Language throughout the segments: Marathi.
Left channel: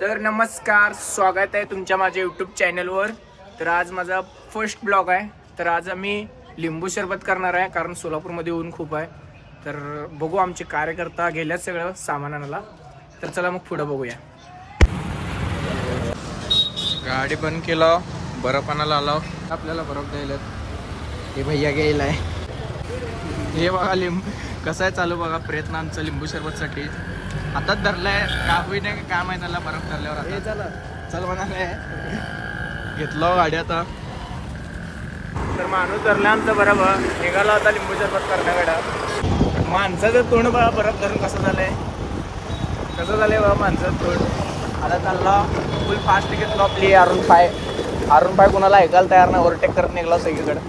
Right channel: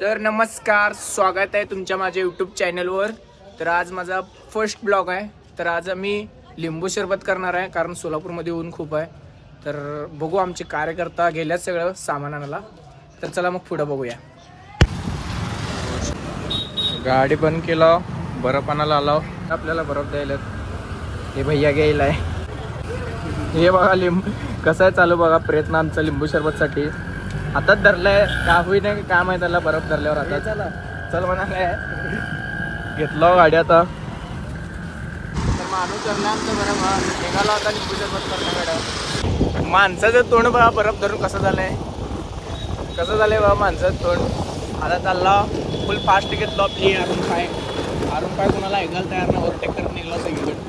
तर नमस्कार, स्वागत आहे तुमच्या माझ्या यूट्यूब चॅनलवर। तर आज माझा फर्स्ट ब्लॉग आहे। तर आज आम्ही लिंबू सरबत करणार आहे, कारण सोलापूरमध्ये ऊन खूप आहे। तर बघू आमचे कार्यकर्ता गेल्यात सगळं सामान आणायला। तर चला मग पुढे बघूया। गाडी बंद केला, बर्फ आणायला आलो, आपल्याला बर्फ द्यायला हे भैया गेलाय। हे बघा लिंबू कसं आहे चालू बघा, प्रयत्न आमचा लिंबू सरबतसाठी। आताच धरलाय, का होई नाही काय माहिती त्याला बर्फ धरल्यावर। आता चला चल म्हणाले घेतलो गाडी आता। तर माणूस धरला आमचा बर्फ, निघाला होता लिंबू सरबत करण्याकडे। माणसाचं तोंड बघा बर्फ धरून कसं झालंय, कसं झालंय बघा माणसाचं तोंड। आता चालला फुल फास्ट घेतलो आपली R15 कोणाला ऐकायला तयार नाही, ओव्हरटेक करत निघला सगळीकडे।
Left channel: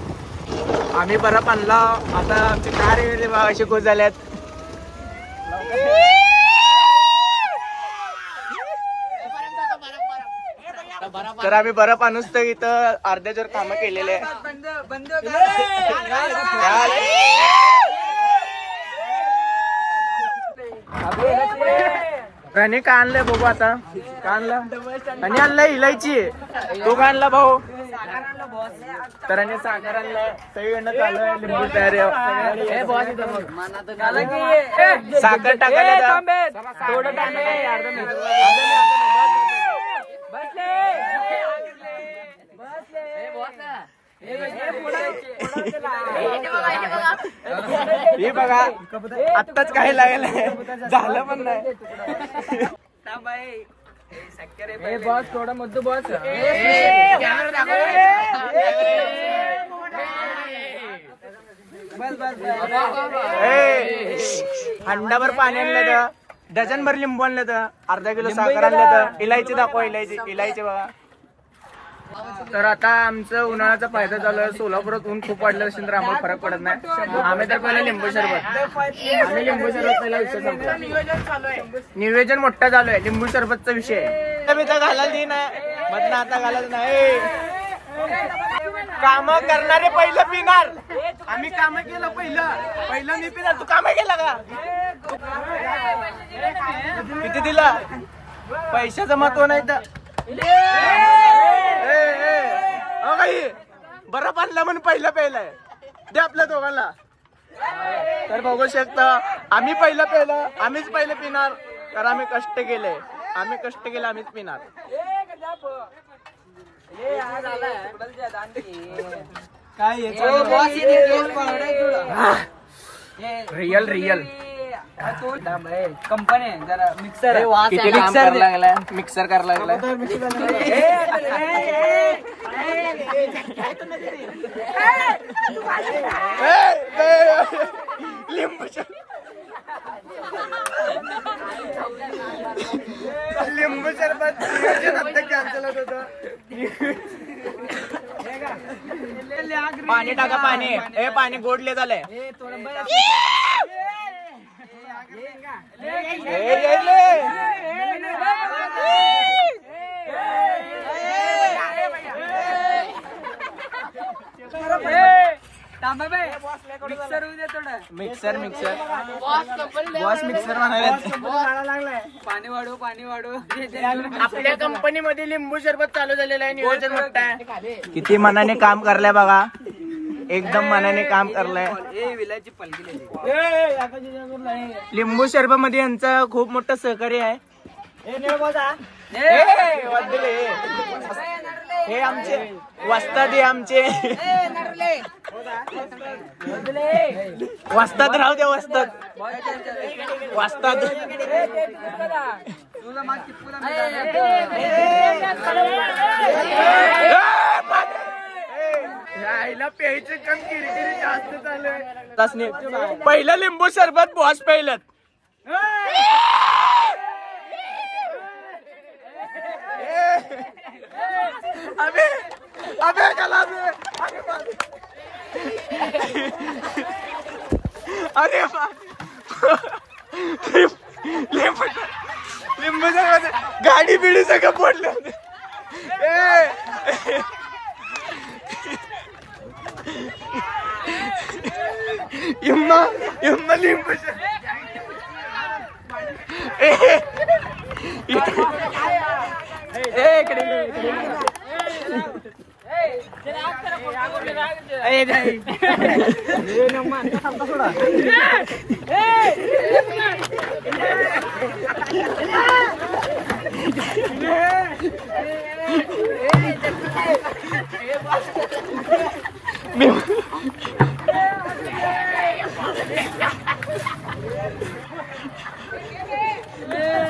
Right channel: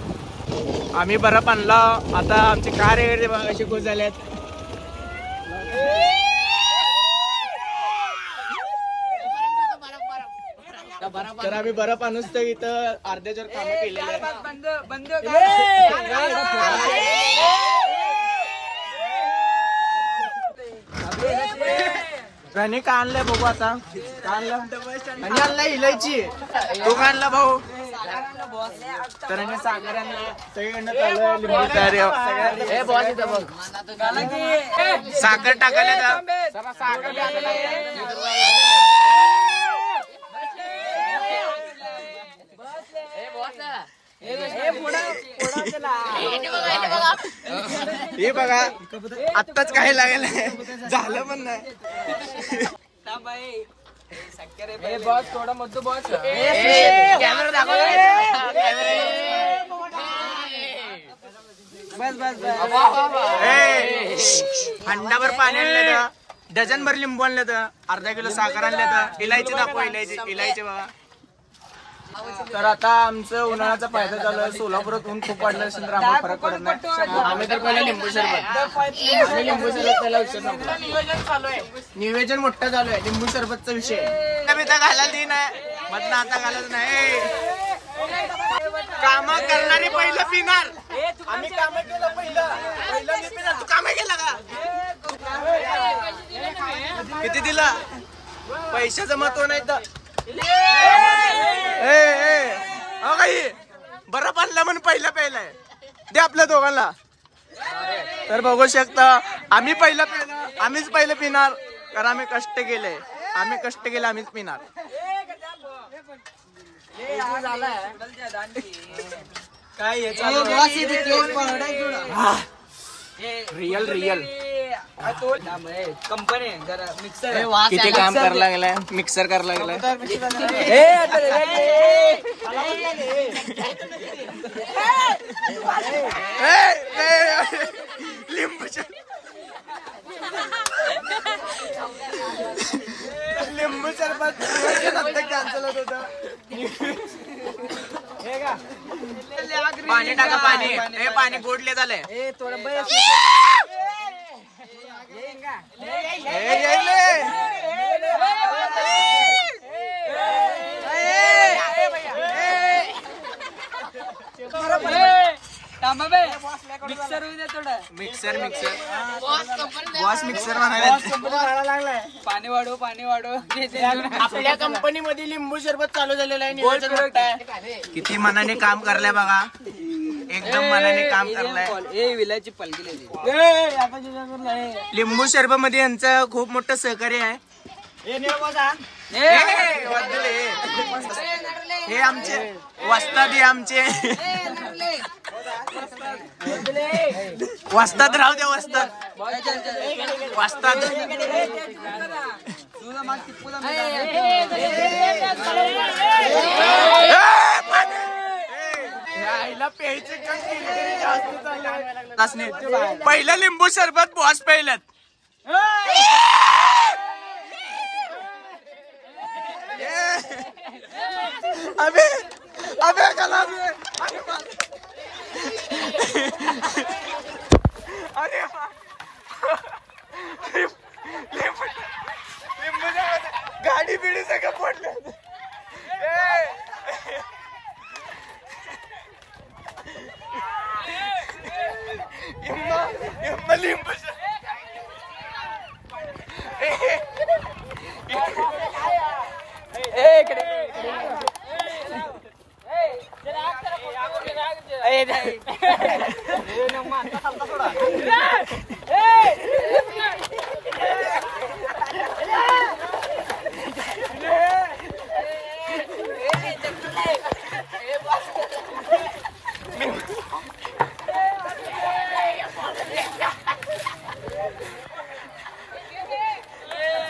आम्ही बर्फ आणला, आता आमचे कार्य बघा असे खुश झाल्यात। तर आम्ही बर्फ आणूच तर इथं अर्ध्याच्या कामं केलेले आहे। आणि का आणलंय बघू आता, का आणलं आणि आणलंय इलायची। तू का आणला भाऊ? तर आणि साखर आणलाय, सगळीकडनं चालू लिंबू तयारी। साखर टाकायला हे बघा आत्ताच काय लागेल, झालं पण नाही। बॉस थोडा मधू बॉस हंडाभर पाणी आणलं तर, डझनभर लिंबू आणलं तर, अर्धा किलो साखर आणलं तर, इलायची दाखवा, इलायची बघा। तर आता आमचं उन्हाळ्याचा फायदा चालू आहे। सोलापुरात ऊन खूप वाढलं असेल तर आम्हाला फरक पडत नाही। आम्ही तर पहिला लिंबू सरबत पहिला विषय संपला। नियोजन मोठा चालू आहे, लिंबू सरबतचा विषय घालायला दी नाही मधनं, आता घालायच नाही। काम करणारे पहिलं पिणार, आम्ही काम केलं पहिलं मी पिणार। तू काम केला का? किती दिला? पैशाचं महत्व नाही तर बर्फ आणला म्हणून पहिलं प्यायलाय दे आपल्या दोघांना। तर बघू शकता आम्ही पहिलं प्यायला, आम्हीच पहिलं पिणार, कारण आम्ही कष्ट केले, आम्हीच पिणार। काय रियल कंपनी जरा मिक्सर किती काम करायला लागलाय, मिक्सर करायला लागलाय। लिंबू सरबत कॅन्सल होत होतं। पाणी टाका, पाणी गोडले झालंय। मिक्सर बॉस मिक्सर पाणी वाढव। आपल्या कंपनी मध्ये लिंबू सरबत चालू झालेलं आहे, नियोजन मोठं आहे। किती मनाने काम करलाय बघा, एकदम मनाने काम करलाय। लिंबू सरबत मध्ये यांचं खूप मोठं सहकार्य आहे। हे आमचे वस्ताद, आमचे वस्ताद राहू द्या, वस्ताद आईला प्यायचं काम किरकिरी जास्त चालू आहे। पहिलं लिंबू सरबत बॉस पहिल्यात। अबे चला अरे लिंबू सरबत गाडी बिडी सगळं पडलं। इम्मा लिंबू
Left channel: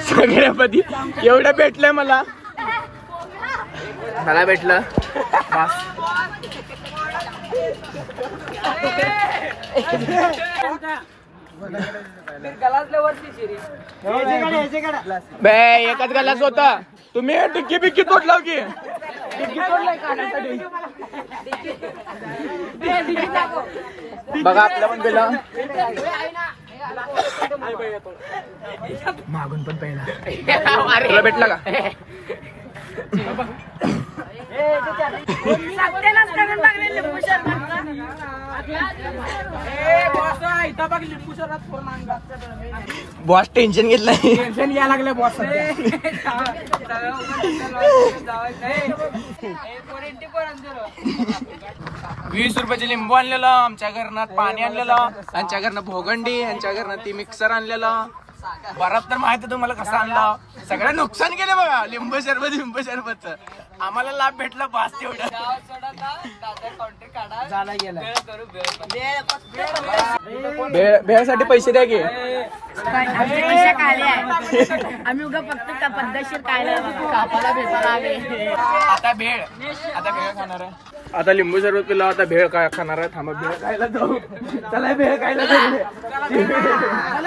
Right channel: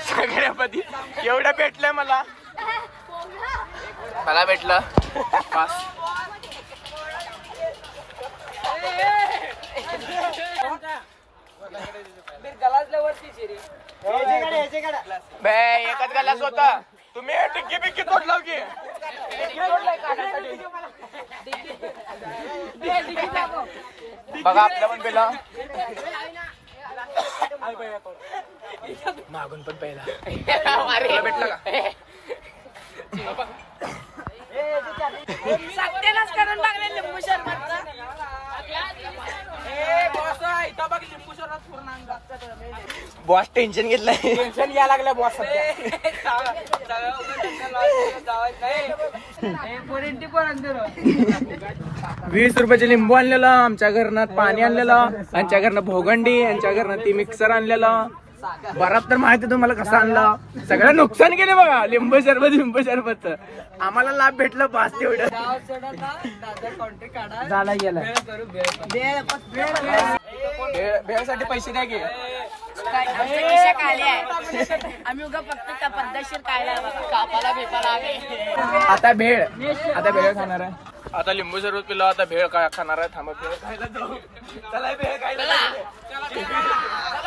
सगळ्यापती एवढं भेटलंय मला भेटलं बस. एकच गलास होता. तुम्ही टिक्की बिक्की तोडलाव की टिक्की तोडलाय खाण्यासाठी. बघा आपलं पण गेलं मागून पण पहिला तुला भेटला का? बॉस टेन्शन घेतलं. टेन्शन घ्यायला लागलं बॉस. 20 रुपयाचे लिंबू आणलेलं आमच्या घरनं, पाणी आणलेलं यांच्या घरनं, भोगंडी यांच्या घरनं, ती मिक्सर आणलेलं. बरात तर माहिती तुम्हाला कसं आणलं. सगळं नुकसान केले बघा. लिंबू सरबत आम्हाला लाभ भेटला बस तेवढं. भेळसाठी पैसे द्या की. आम्ही उगा फक्त पद्धतशीर काय आता भेळ खाणार आहे. आता लिंबू सरबत पिला, आता भेळ काय खाणार आहे. थांबा भेळ खायला जाऊ. चला भेळ खायला जाऊ.